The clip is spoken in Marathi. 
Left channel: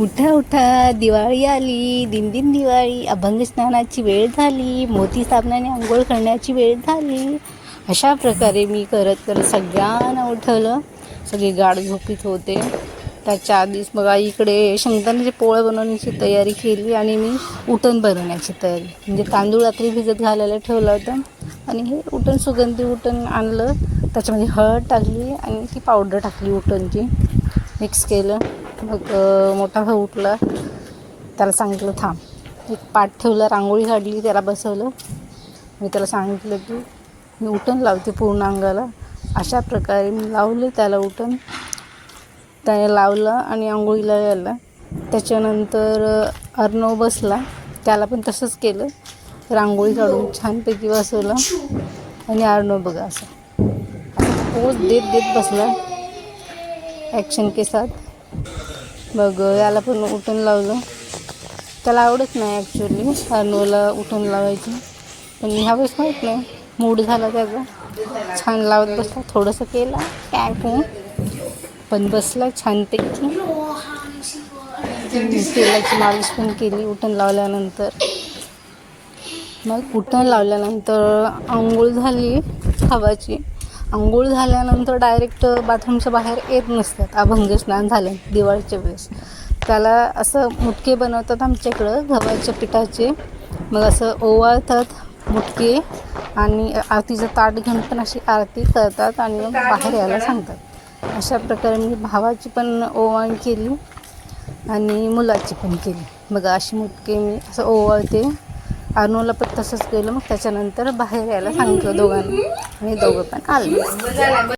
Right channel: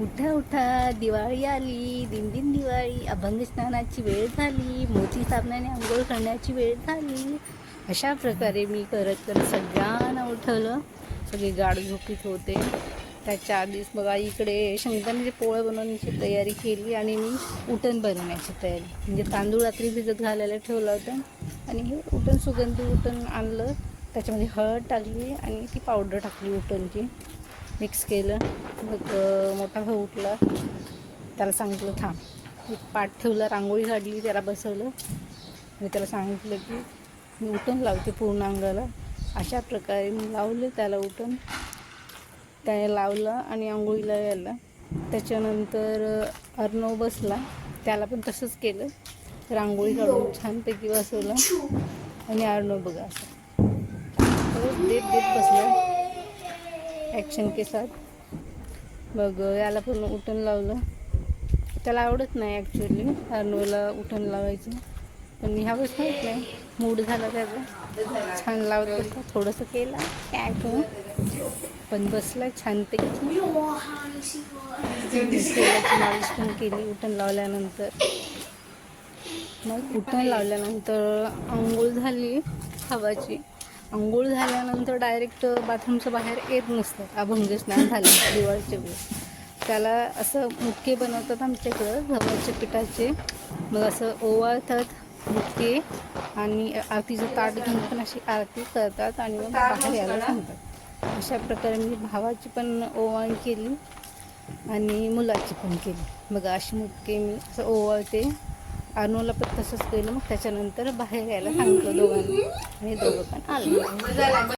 उठा उठा, दिवाळी आली, दिनदिन दिवाळी, अभंग स्नानाची वेळ झाली, मोती साबणाने आंघोळ करण्याची वेळ झाली. अशा प्रकारे मी करत करत सगळ्यांना उठवलं. सगळे गाढ झोपीत होते. त्याच्या आधीच बघा इकडे शेंगदाण्याचे पोळं बनवण्याची तयारी केली आणि मी उटण बनवण्याची तयारी, म्हणजे तांदूळ रात्री भिजत घालायला ठेवलं होतं आणि हे उटण, सुगंधी उटण आणलं. त्याच्यामध्ये हळद टाकली आणि ती पावडर टाकली उटणची, मिक्स केलं. मग मोठा भाऊ उठला, त्याला सांगितलं थांब. एक पाट ठेवला, रांगोळी काढली, त्याला बसवलं. मी त्याला सांगितलं की मी उटण लावते पूर्ण अंगाला. अशा प्रकारे मी लावले त्याला उटण. त्याने लावलं आणि आंघोळीला गेला. त्याच्यानंतर अर्णव बसला, त्याला पण तसंच केलं. रांगोळी काढून छानपैकी बसवलं आणि अर्णव बघा असं पोज देत देत बसला ॲक्शन के साथ. मग याला पण उटण लावलं. त्याला आवडत नाही ॲक्च्युली अर्णवला उटण लावायचं, पण ह्यावेळेस माहीत नाही मूड झाला त्याचा, छान लावत बसला. थोडंसं केलं काय पण बसला छानपैकी. तेलाची मालिश पण केली उटण लावल्यानंतर. मग उटण लावल्यानंतर आंघोळ झाली खावाची. आंघोळ झाल्यानंतर डायरेक्ट बाथरूमच्या बाहेर येत नसतात अभंग स्नान झालं दिवाळीच्या वेळेस. त्याला असं मुटके बनवतात आमच्याकडं गव्हाच्या पिठाचे. मग असं ओवाळतात मुटके आणि आरतीचं ताट घेऊन पण अशी आरती करतात आणि मग बाहेर यायला सांगतात. अशा प्रकारे मी भावाची पण ओवाळणी केली आणि मुलाची पण केली. मग अशी मुटके मी असं ओवाळते. अर्णवला पण तसंच केलं. मग त्याच्यानंतर बाहेर यायला सांगितलं दोघांना आणि दोघं पण आले.